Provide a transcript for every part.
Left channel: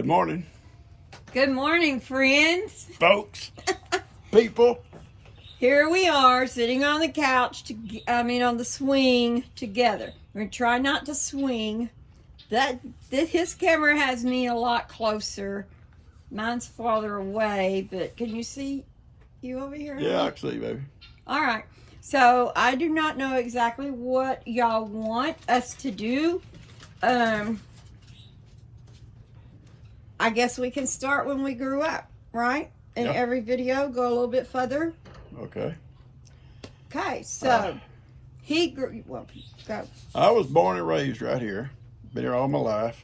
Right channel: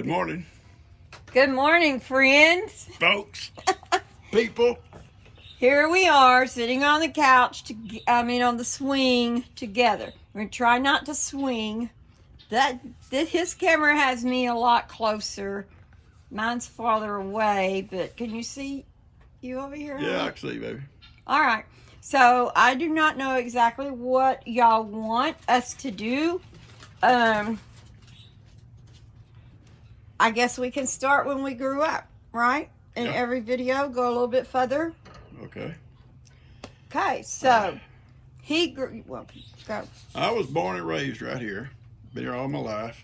Good morning, Good morning, friends. folks, people. Here we are sitting on the couch, on the swing together. We're going to try not to swing. His camera has me a lot closer. Mine's farther away, but can you see you over here? Yeah, I can see, baby. All right. So I do not know exactly what y'all want us to do. I guess we can start when we grew up, right? In every video, go a little bit further. Okay. Okay, so he grew, well, go. I was born and raised right here. Been here all my life.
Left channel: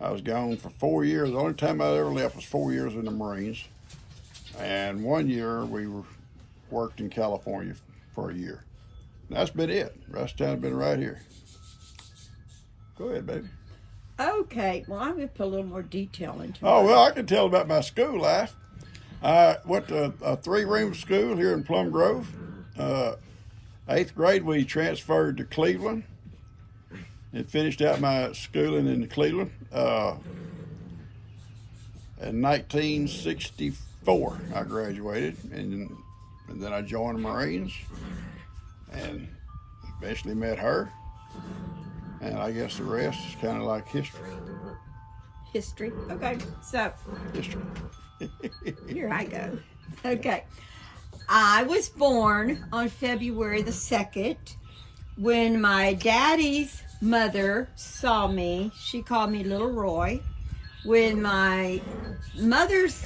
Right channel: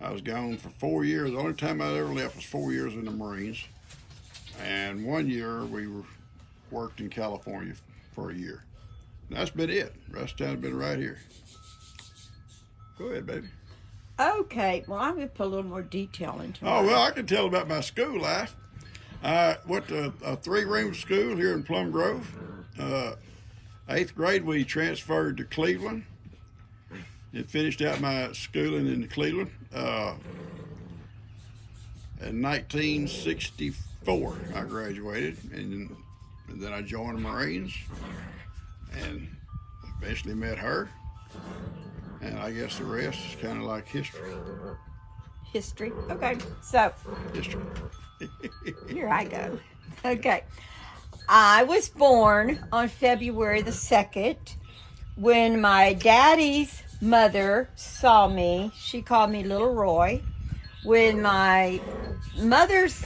I was gone for 4 years. The only time I ever left was 4 years in the Marines. And 1 year we worked in California for a year. And that's been it. The rest of the time I've been right here. Go ahead, baby. Okay, well, I'm going to put a little more detail into it. Oh, well, I can tell about my school life. I went to a 3-room school here in Plum Grove. 8th grade, we transferred to Cleveland and finished out my schooling in Cleveland. In 1964, I graduated, and then I joined the Marines and eventually met her. And I guess the rest is kind of like history. History. Okay, so. History. Here I go. Okay. I was born on February the 2nd. When my daddy's mother saw me, she called me Little Roy. When my mother's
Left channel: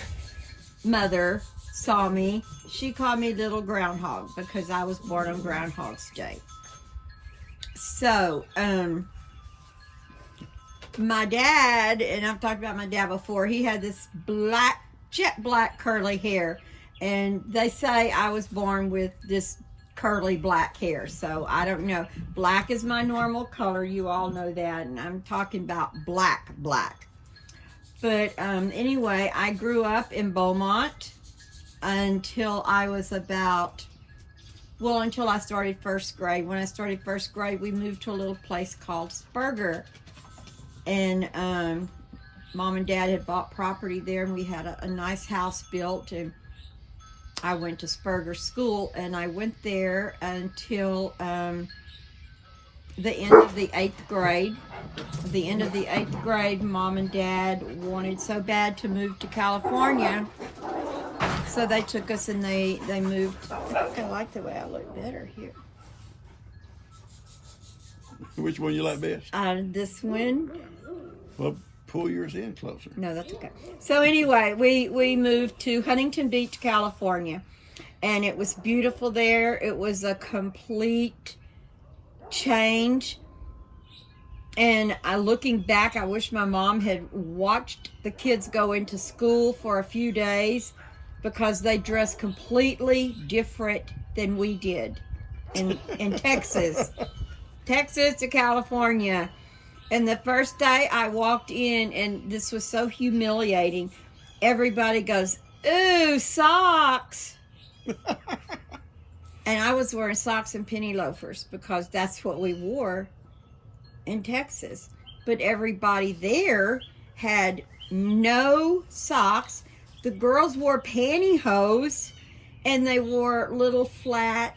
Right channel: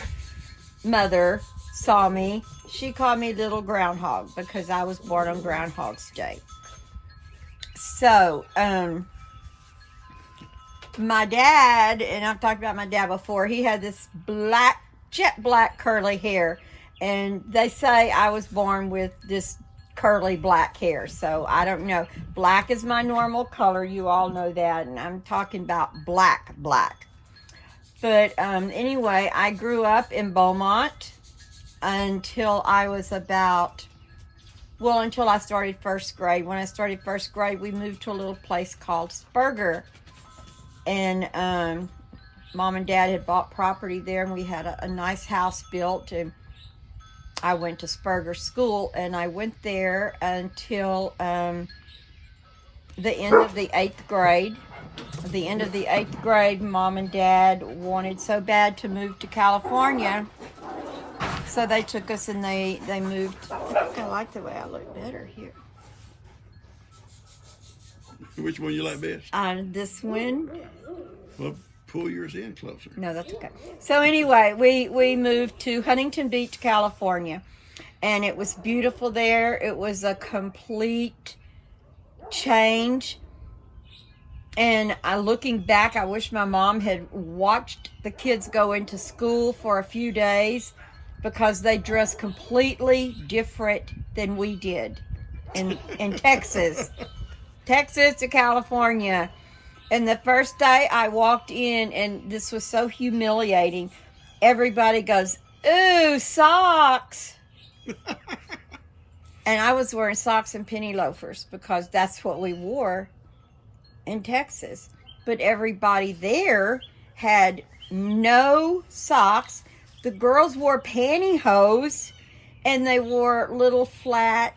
mother saw me, she called me Little Groundhog because I was born on Groundhog's Day. So, my dad, and I've talked about my dad before, he had this jet black curly hair, and they say I was born with this curly black hair, so I don't know. Black is my normal color, you all know that, and I'm talking about black. But anyway, I grew up in Beaumont until I was until I started first grade. When I started first grade, we moved to a little place called Spurger. And Mom and Dad had bought property there, and we had a nice house built. And I went to Spurger School, and I went there until the end of the 8th grade. At the end of the 8th grade, Mom and Dad wanted so bad to move to California. So they took us and they moved. I think I like the way I look better here. Which one you like best? This one. Well, pull yours in closer. No, that's okay. So anyway, we moved to Huntington Beach, California. And it was beautiful there. It was a complete change. And looking back, I wish my mom had watched the kids go into school for a few days, because they dress completely different than we did in Texas. Texas to California. And the first day I walked in, and this was so humiliating, everybody goes, "Ooh, socks." And I was wearing socks and penny loafers because that's what we wore in Texas. But everybody there had no socks. The girls wore pantyhose, and they wore little flat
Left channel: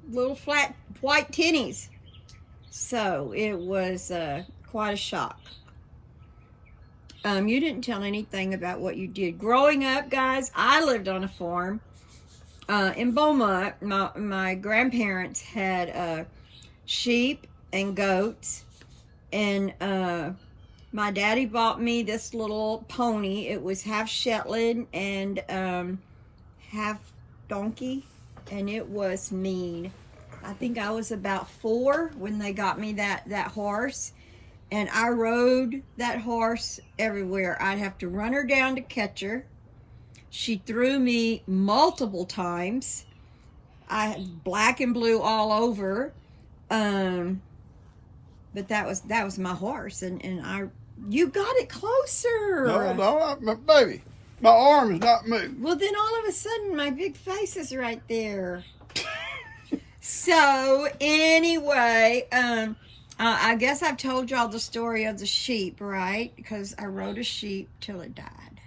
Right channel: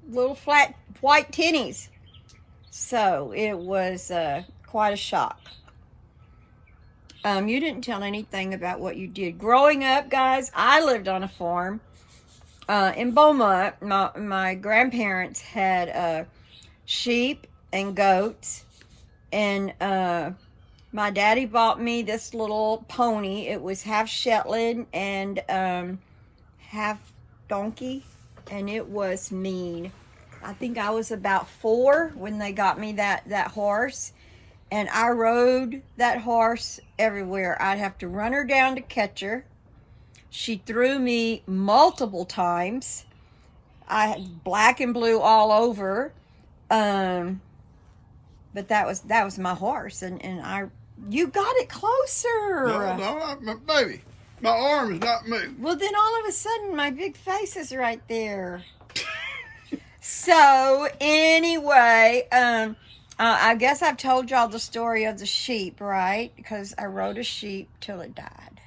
white tinnies. So it was quite a shock. You didn't tell anything about what you did growing up, guys. I lived on a farm in Beaumont. My grandparents had sheep and goats, and my daddy bought me this little pony. It was half Shetland and half donkey, and it was mean. I think I was about 4 when they got me that horse, and I rode that horse everywhere. I'd have to run her down to catch her. She threw me multiple times. I had black and blue all over. But that was my horse, and you got it closer. No, baby, my arm is not moving. Well, then all of a sudden, my big face is right there. So anyway, I guess I've told y'all the story of the sheep, right? Because I rode a sheep till it died.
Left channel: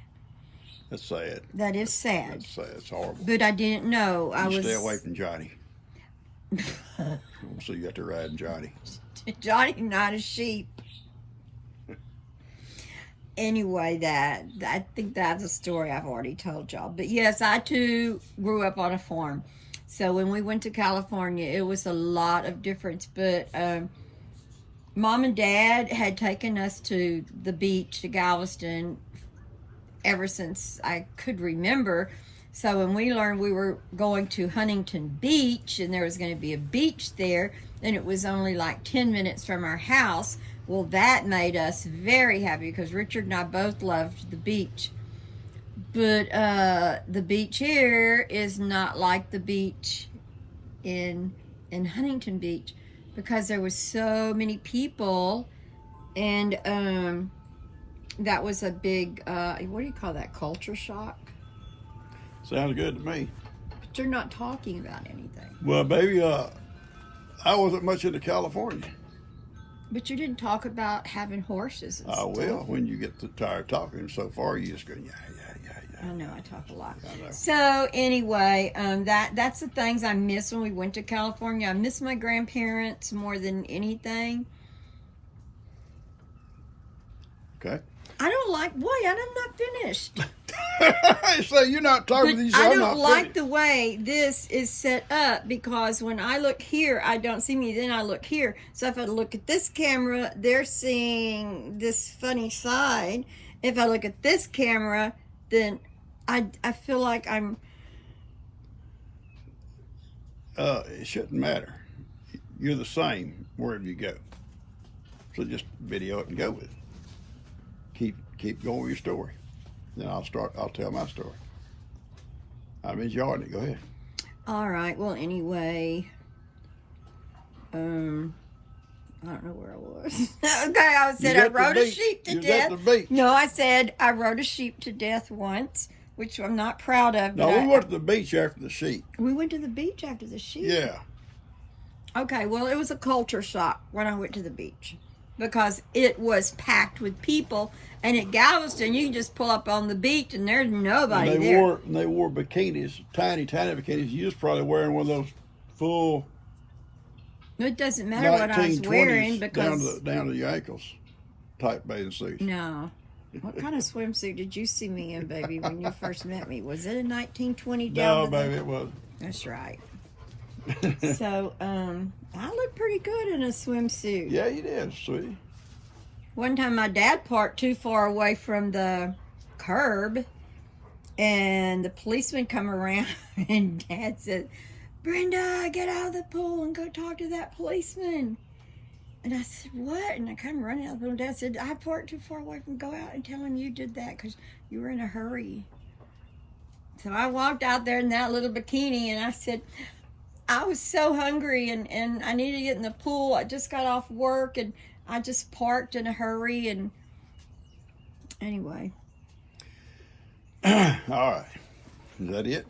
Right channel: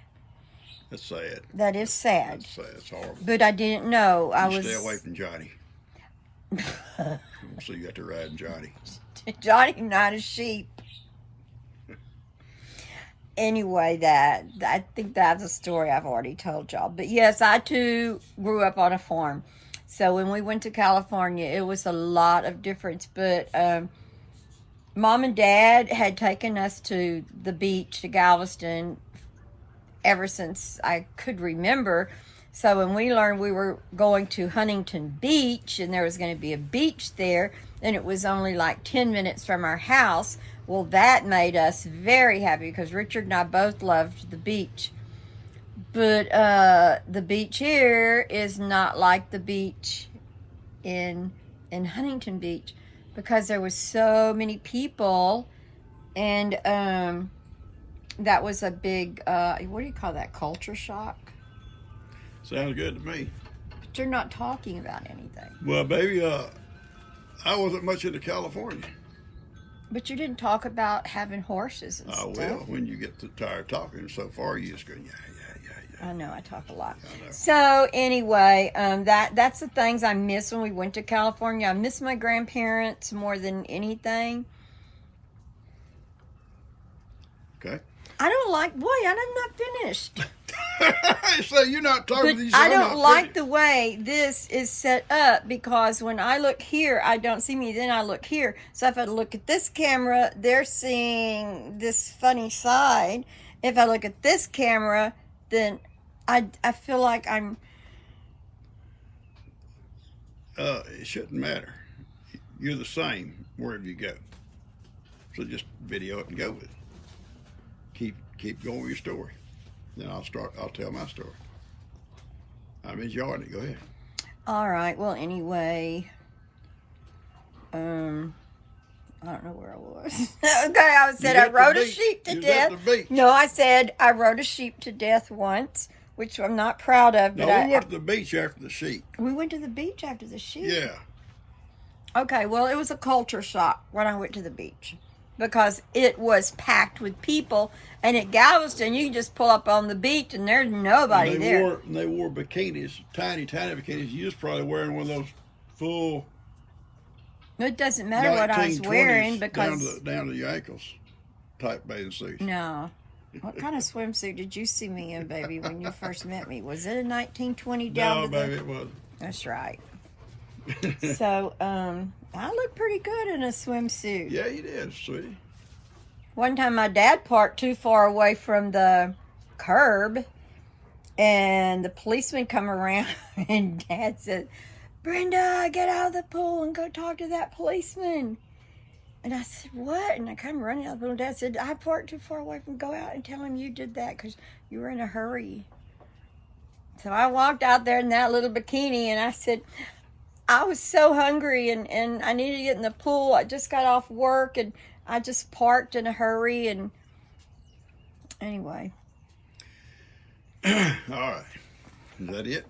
That's sad. That is sad. That's sad. It's horrible. But I didn't know. Stay away from Johnny. So you got to ride Johnny. Johnny, not a sheep. Anyway, I think that's a story I've already told y'all. But yes, I too grew up on a farm. So when we went to California, it was a lot of difference. But Mom and Dad had taken us to the beach, to Galveston, ever since I could remember. So when we learned we were going to Huntington Beach and there was going to be a beach there, and it was only like 10 minutes from our house, well, that made us very happy because Richard and I both loved the beach. But the beach here is not like the beach in Huntington Beach because there was so many people, and that was a big, what do you call that, culture shock? Sounds good to me. But you're not talking about anything. Well, baby, I wasn't much into California. But you didn't talk about having horses and I stuff. will when you get tired talking so far. You just go, yeah. I know, I talk a lot. I know. So anyway, that's the things I miss when we went to California. I miss my grandparents more than anything. Okay. I don't like, boy, I'm not finished. So you're not talking to these. I don't like the way this is set up because when I look here, I don't see me. Then I look here. So if I look at this camera, they're seeing this funny side. If I look at this camera, then I feel like I'm... It shouldn't matter. You're the same wherever you go. So just video it and go with it. Keep going with your story. Then I'll tell my story. I'm enjoying it. Go ahead. All right. Well, anyway, I don't know where I was. Okay, I said I rode a sheep to death. No, I said I rode a sheep to death once, which I'm not proud of. No, we went to the beach after the sheep. We went to the beach after the sheep? Yeah. Okay, well, it was a culture shock when I went to the beach because it was packed with people. And at Galveston, you can just pull up on the beach and there's nobody there. They wore bikinis, tiny bikinis. You was probably wearing one of those full. It doesn't matter what I was wearing because down to your ankles type bathing suits. No. What kind of swimsuit did you see me in, baby, when you first met me? Was it a 1920 down? No, baby, it wasn't. That's right. So, I look pretty good in a swimsuit. Yeah, you did, sweetie. One time my dad parked too far away from the curb and the policeman come around and Dad said, "Brenda, get out of the pool and go talk to that policeman." And I said, "What?" And I come running out of the pool and Dad said, "I parked too far away from, go out and tell him you did that because you were in a hurry." So I walked out there in that little bikini and I said, I was so hungry and I needed to get in the pool. I just got off work and I just parked in a hurry, and anyway. All right. Is that it?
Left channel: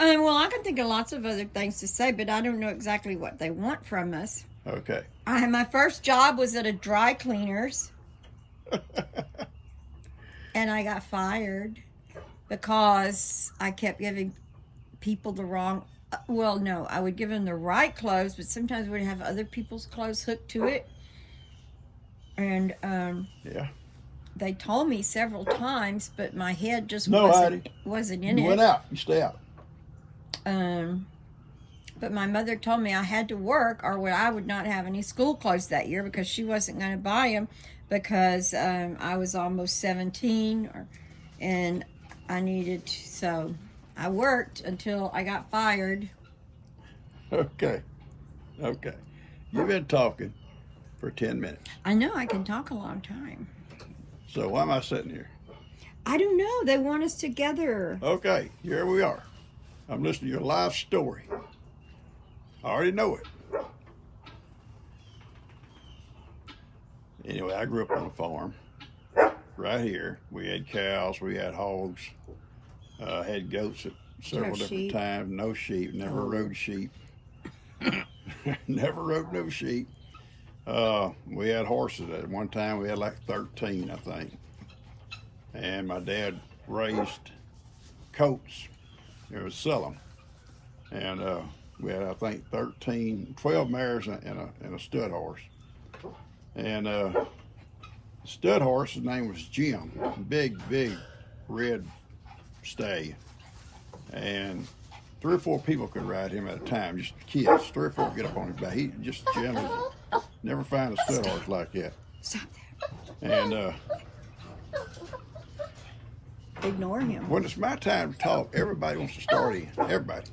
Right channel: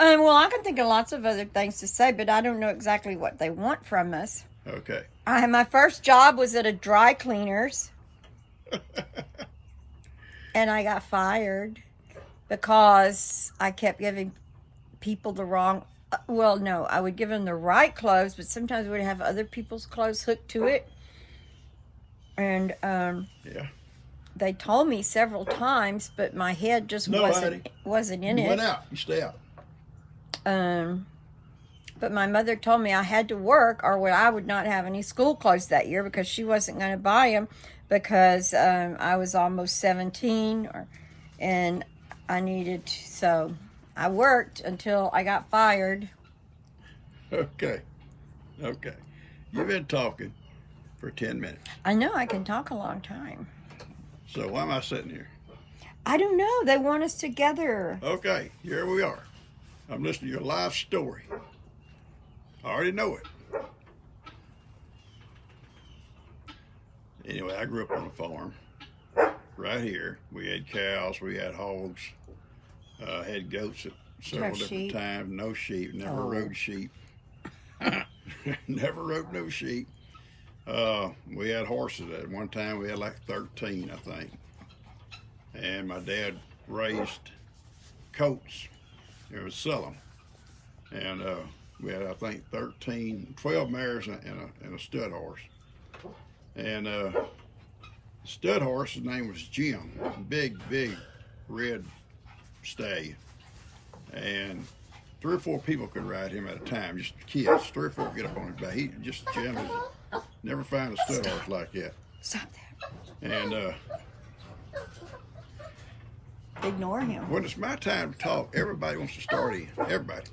Well, I can think of lots of other things to say, but I don't know exactly what they want from us. Okay. My first job was at a dry cleaner's, and I got fired because I kept giving people the wrong... Well, no, I would give them the right clothes, but sometimes we'd have other people's clothes hooked to it. And yeah, they told me several times, but my head just wasn't in it. You went out. You stay out. But my mother told me I had to work or I would not have any school clothes that year because she wasn't going to buy them because I was almost 17 and I needed to, so I worked until I got fired. Okay. You've been talking for 10 minutes. I know, I can talk a long time. So why am I sitting here? I don't know. They want us together. Okay, here we are. I'm listening to your life story. I already know it. Anyway, I grew up on a farm right here. We had cows, we had hogs, had goats at several different times. No sheep, never rode sheep. Never rode no sheep. We had horses at one time. We had like 13, I think. And my dad raised colts. It was sell them. And we had, I think, 12 mares and a stud horse. And stud horse, his name was Jim. Big red stallion. And 3 or 4 people could ride him at a time, just kids. 3 or 4 get up on his back. He just generally never find a stud horse like that. And ignore him. when it's my time to talk, everybody wants to start in. Everybody.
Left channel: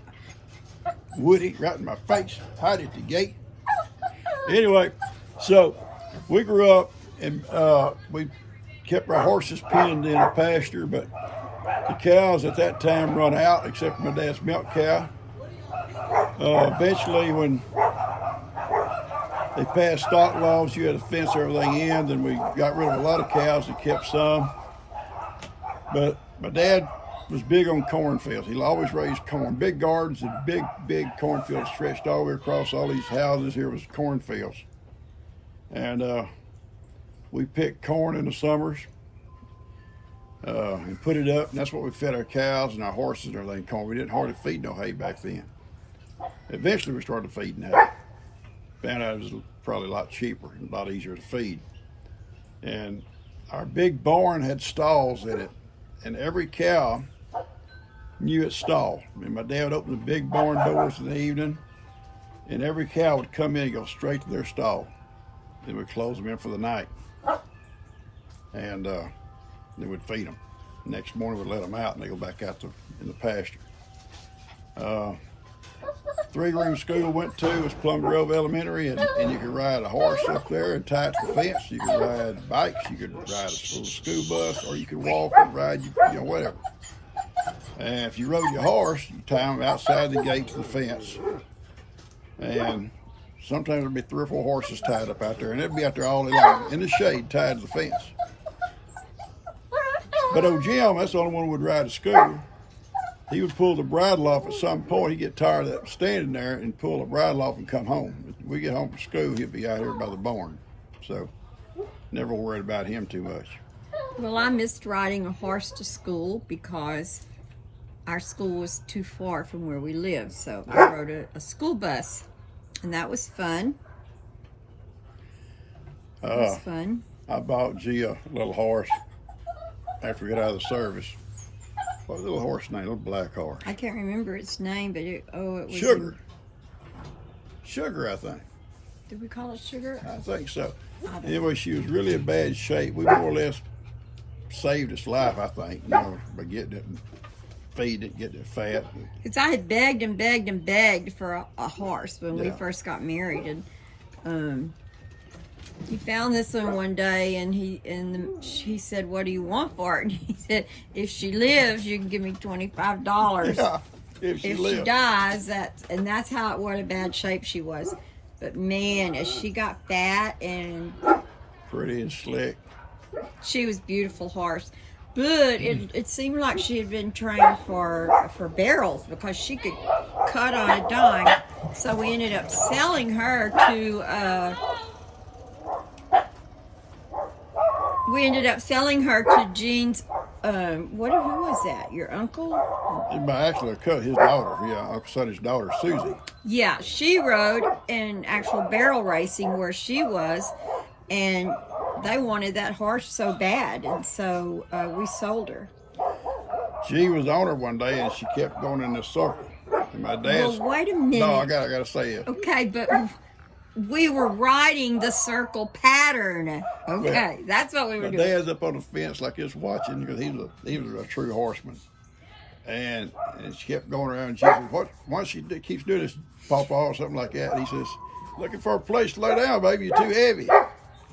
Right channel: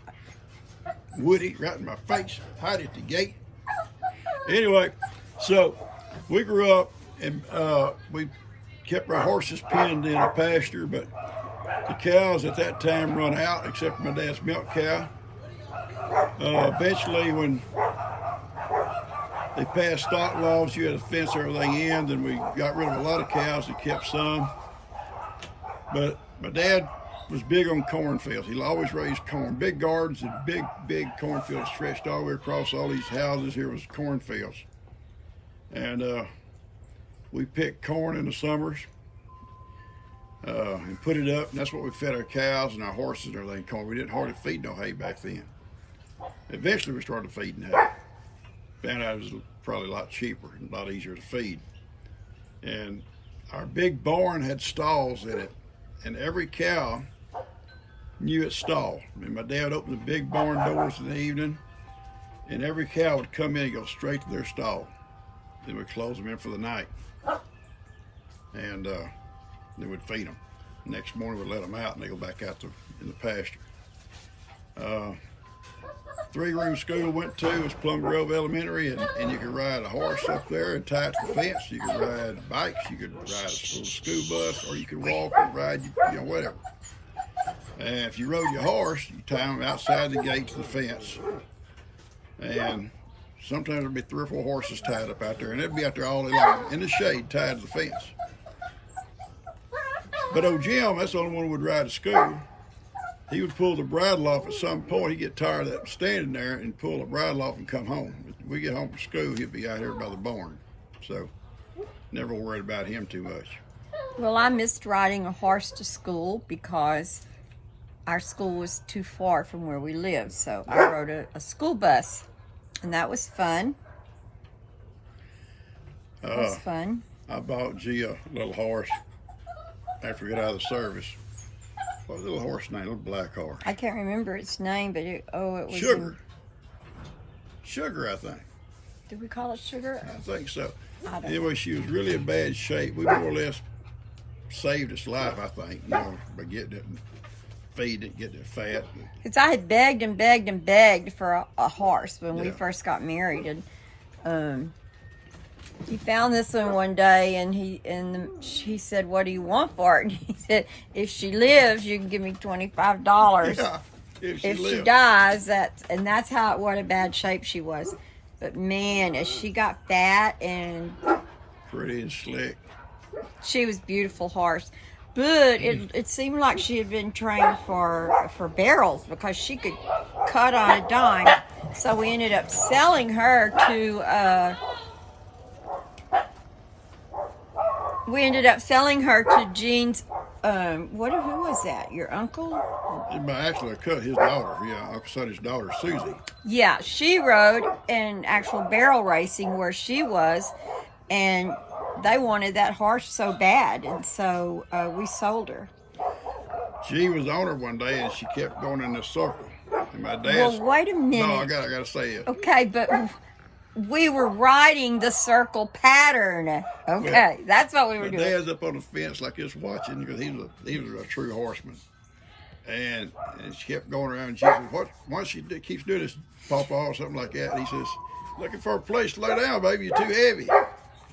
Woody, right in my face, hide at the gate. Anyway, so we grew up and we kept our horses penned in a pasture, but the cows at that time run out, except for my dad's milk cow. Eventually, when they passed stock laws, you had to fence everything in, then we got rid of a lot of cows and kept some. But my dad was big on cornfields. He always raised corn, big gardens and big cornfields stretched all the way across all these houses. Here was cornfields. And we picked corn in the summers and put it up, and that's what we fed our cows and our horses and everything, corn. We didn't hardly feed no hay back then. Eventually we started feeding hay. Found out it was probably a lot cheaper and a lot easier to feed. And our big barn had stalls in it, and every cow knew its stall. I mean, my dad would open the big barn doors in the evening, and every cow would come in and go straight to their stall. Then we'd close them in for the night. And then we'd feed them. Next morning we'd let them out and they go back out in the pasture. 3-room school went to was Plum Grove Elementary, and you could ride a horse up there and tie it to the fence. You could ride bikes, you could ride a little school bus, or you could walk and ride, whatever. And if you rode your horse, you tie them outside the gate to the fence. And sometimes there'd be 3 or 4 horses tied up out there, and they'd be out there all day long in the shade tied to the fence. But old Jim, that's the only one who would ride to school. He would pull the bridle off at some point. He'd get tired of that standing there and pull the bridle off and come home. If we get home from school, he'd be out here by the barn. So never worried about him too much. Well, I missed riding a horse to school because our school was too far from where we lived. So I rode a school bus, and that was fun. It was fun. I bought G a little horse after we got out of the service. What was the little horse name? Little black horse. I can't remember its name, but it was Sugar. Sugar, I think. Did we call it Sugar? I think so. I don't Anyway, she was really in bad shape. We more or less saved its life, I think, by getting it and feeding it, getting it fat. Because I had begged and begged and begged for a horse when we first got married, and he found this one day, and she said, "What do you want for it?" And he said, "If she lives, you can give me $25. Yeah, if she dies, that's what a bad shape she was. But man, as she got fat and pretty and slick, she was a beautiful horse. But it seemed like she had been trained for barrels because she could cut on a dime. So we ended up selling her to. We ended up selling her to Gene's, who was that? Your uncle? Actually, his daughter. Yeah, Uncle Sonny's daughter, Susie. Yeah, she rode in actual barrel racing where she was, and they wanted that horse so bad, and so we sold her. She was on her one day, and she kept going in this circle. And my dad's... Well, wait a minute. No, I gotta say it. Okay, but... We were riding the circle pattern. Okay, well, that's what we were doing. My dad's up on the fence like this watching because he was a true horseman. And she kept going around and she said, once she keeps doing this, Pawpaw or something like that, and he says, "Looking for a place to lay down, baby, you're too heavy."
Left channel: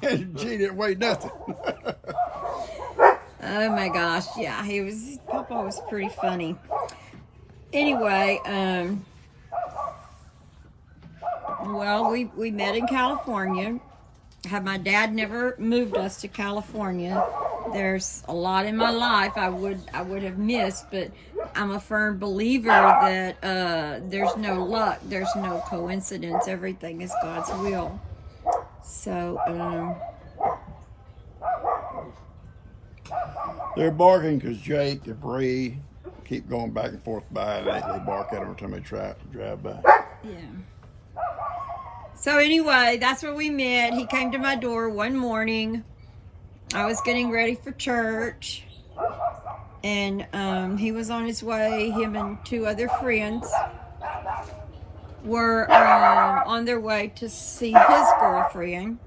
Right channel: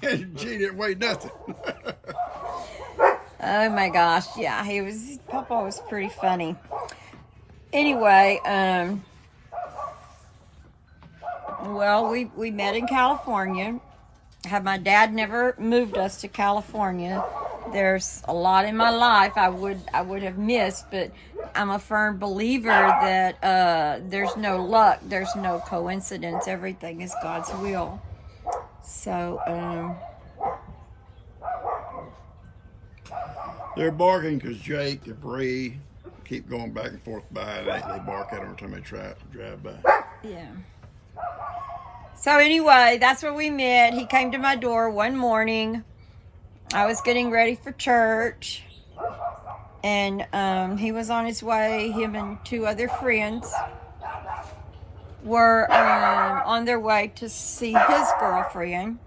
And she didn't weigh nothing. Oh my gosh, yeah, Pawpaw was pretty funny. Anyway, well, we met in California. Had my dad never moved us to California, there's a lot in my life I would have missed, but I'm a firm believer that there's no luck, there's no coincidence, everything is God's will. So, they're barking because Jake and Bree keep going back and forth by. They bark at them every time they try to drive by. yeah. So anyway, that's where we met. He came to my door one morning. I was getting ready for church, and he was on his way. Him and two other friends were on their way to see his girlfriend,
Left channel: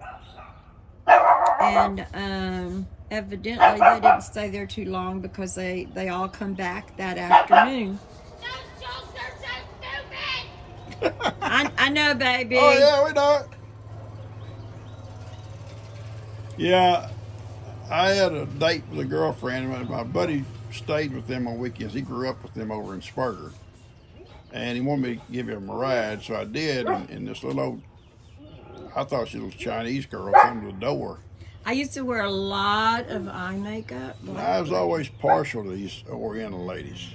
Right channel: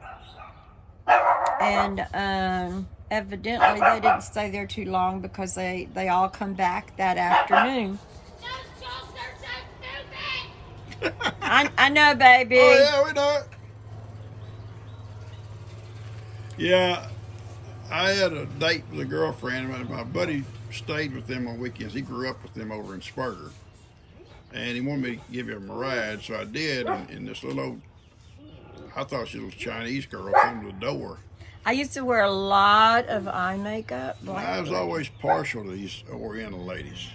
and evidently they didn't stay there too long because they all come back that afternoon. I know, baby. Oh yeah, we know it. Yeah, I had a date with a girlfriend. My buddy stayed with them on weekends. He grew up with them over in Spurger, and he wanted me to give him a ride, so I did. And this little old, I thought she was a Chinese girl, come to the door. I used to wear a lot of eye makeup. And I was always partial to these Oriental ladies.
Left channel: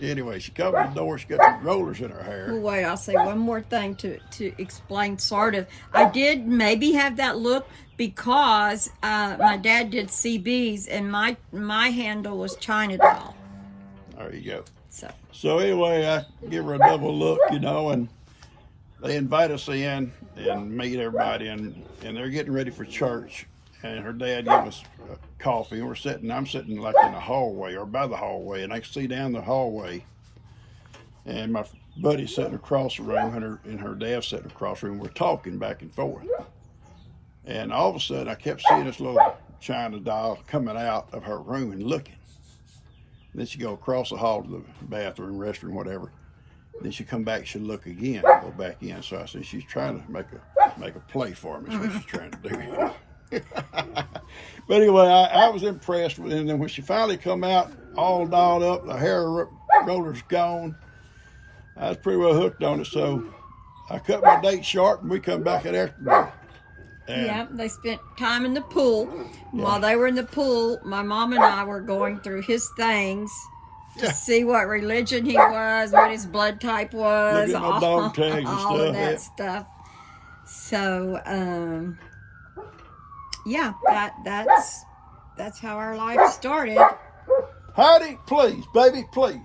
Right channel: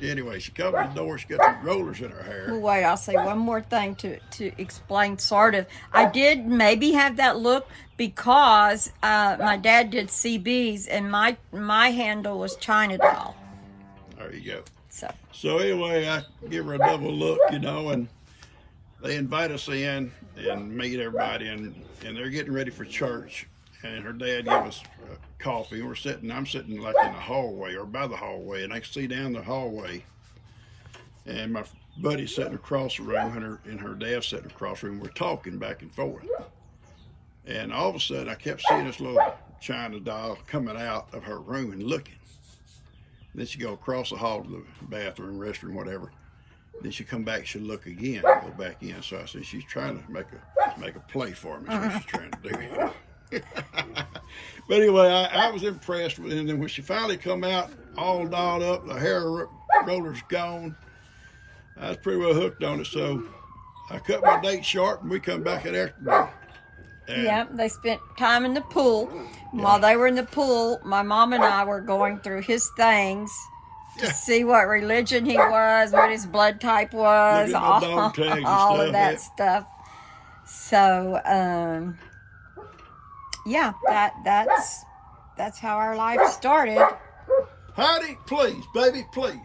Anyway, she comes to the door. She got the rollers in her hair. Well, wait, I'll say one more thing to explain, sort of. I did maybe have that look because my dad did CBs, and my handle was China Doll. There you go. So anyway, I give her a double look, and they invite us in and meet everybody, and they're getting ready for church. And her dad gave us coffee, and I'm sitting like in the hallway or by the hallway, and I can see down the hallway. And my buddy's sitting across the room, and her dad's sitting across the room. We're talking back and forth. And all of a sudden, I kept seeing this little China doll coming out of her room and looking. And then she go across the hall to the bathroom, restroom, whatever. And then she come back, she'd look again, go back in. So I said, she's trying to make a play for me. That's what she's trying to do. But anyway, I was impressed with it. And then when she finally come out, all dolled up, the hair roller's gone, I was pretty well hooked on it. So I cut my date short, and we come back that afternoon. yeah, they spent time in the pool. Yeah. While they were in the pool, my mom and I were going through his things to see what religion he was, what his blood type was, look at my dog tags and all stuff. Of that stuff. So, yeah, that's how our life started. Heidi, please, baby, please.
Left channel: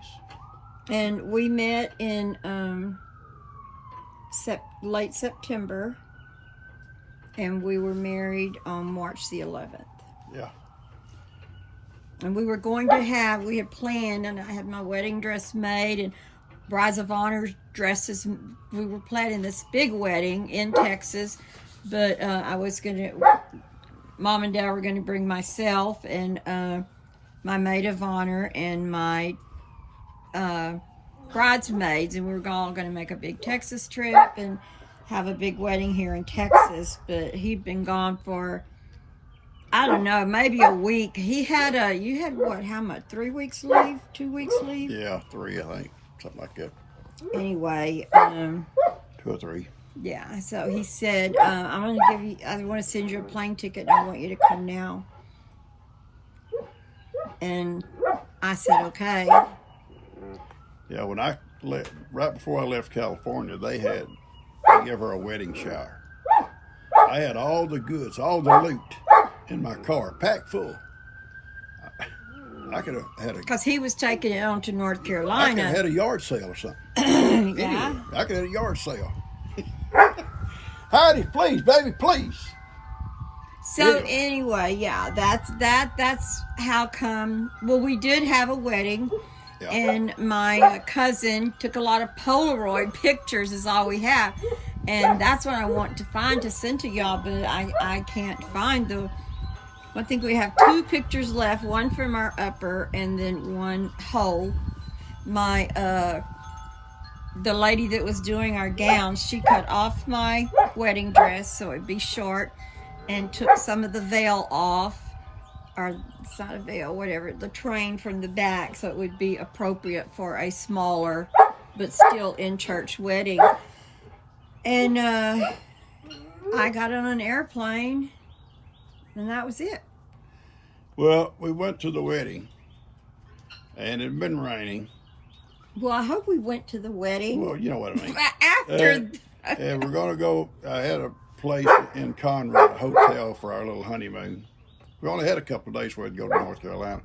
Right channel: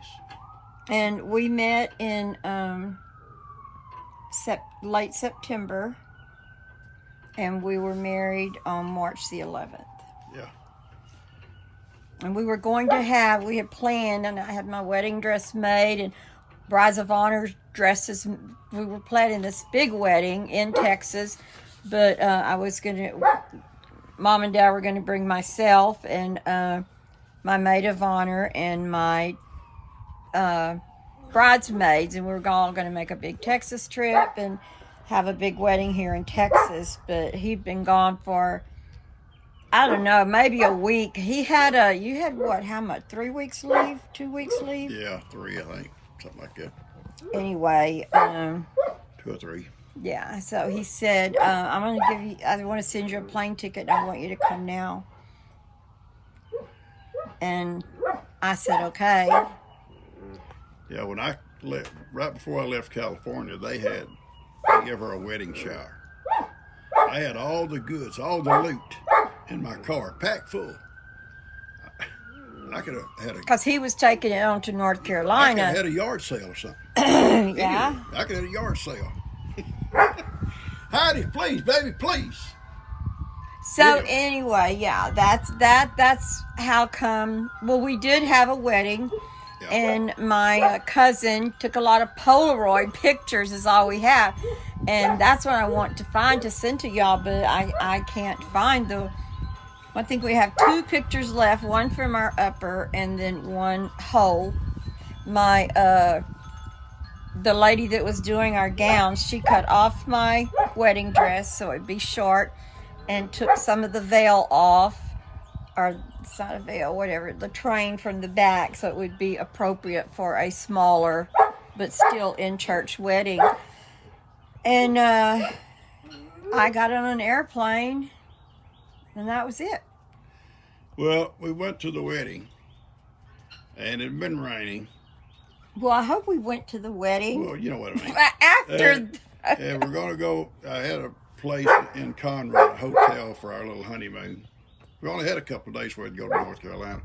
And we met in late September, and we were married on March the 11th. Yeah. And we had planned, and I had my wedding dress made, and brides of honor dresses. We were planning this big wedding in Texas, but Mom and Dad were going to bring myself and my maid of honor and my bridesmaids, and we were all going to make a big Texas trip and have a big wedding here in Texas. But he'd been gone for, I don't know, maybe a week. You had what, how much, 3 weeks leave, 2 weeks leave? Yeah, 3, I think, something like that. Anyway, 2 or 3. Yeah, so he said, I want to send you a plane ticket, and I want you to come now. And I said, okay. Yeah, when I left, right before I left California, they gave her a wedding shower. I had all the goods, all the loot in my car, packed full. I could have had because he was taking it on to North Carolina. I could have had a yard sale or something. Yeah. Anyway, I could have had a yard sale. Heidi, please, baby, please. So anyway, yeah, that's how come. Well, we did have a wedding, and my cousin took a lot of Polaroid pictures. Is all we have, and that's what I want to find to send to y'all, but I can't find the. I think we have 2 pictures left, one from our upper and then one whole. The lady that was doing our gowns, she cut off my wedding dress so it'd be short and took some of the veil off, or it's not a veil, whatever, the train from the back so it would be appropriate for a smaller but still in church wedding. And I got on an airplane, and that was it. Well, we went to the wedding, and it had been raining. Well, I hope we went to the wedding. Well, you know what I mean. After And we're gonna go. I had a place in Conroe, a hotel for our little honeymoon. We only had a couple of days where we'd go to North Carolina.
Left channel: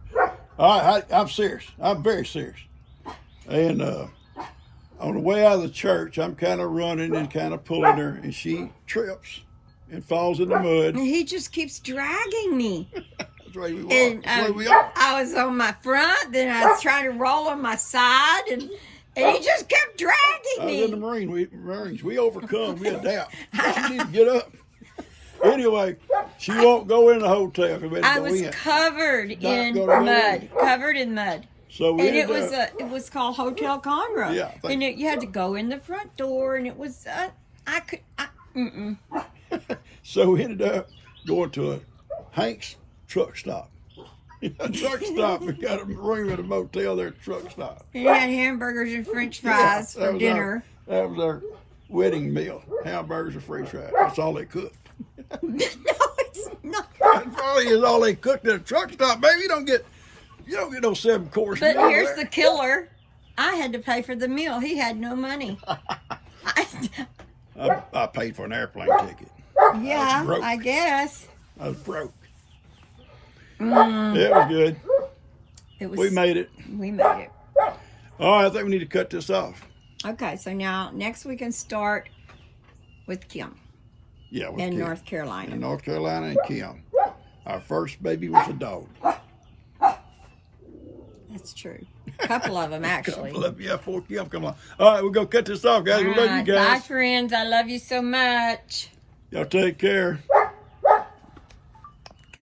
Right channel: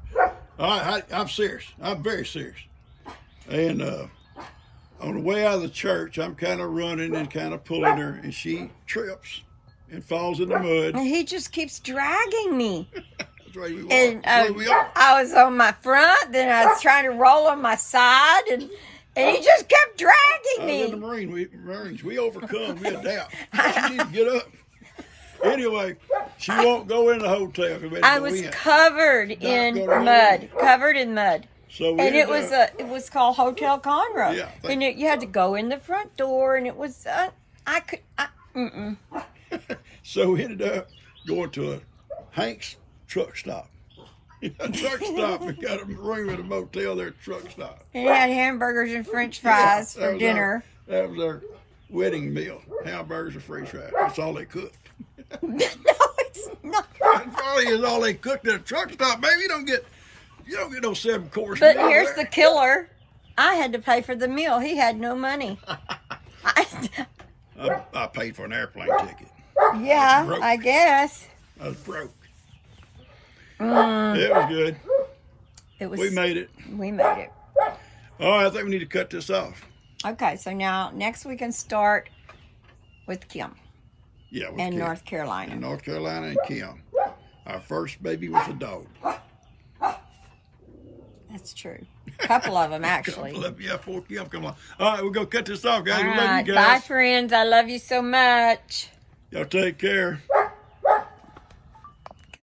I'm serious. I'm very serious. And on the way out of the church, I'm kind of running and kind of pulling her, and she trips and falls in the mud. And he just keeps dragging me. That's the way we are. That's the way we are. I was on my front, then I was trying to roll on my side, and he just kept dragging I was me. in the Marines. We overcome. We adapt. She needs to get up. Anyway, she won't go in the hotel. I was covered in mud. Covered in mud. So we And it was called Hotel Conroe. Yeah, And you had to go in the front door, and it was So we ended up going to a Hank's truck stop. A truck stop. We got a room at a motel there, truck stop. And it had hamburgers and French fries for dinner. That was our wedding meal. Hamburgers and French fries. That's all they cooked. No, it's not. That probably is all they cooked at a truck stop. Baby, you don't get no 7-course But meal here's there. the killer. I had to pay for the meal. He had no money. I paid for an airplane ticket. Yeah, broke. I guess. I was broke. Mm, It was good. We made it. We made it. All right, I think we need to cut this off. Okay, so now next we can start with Kim Yeah, with in Kim. North Carolina. In North Carolina and Kim. Our first baby was a dog. That's true. A couple of them, actually. Yeah, 4 Kim come along. All right, we're going to cut this off, guys. We love you Bye, guys. friends. I love you so much. Y'all take care.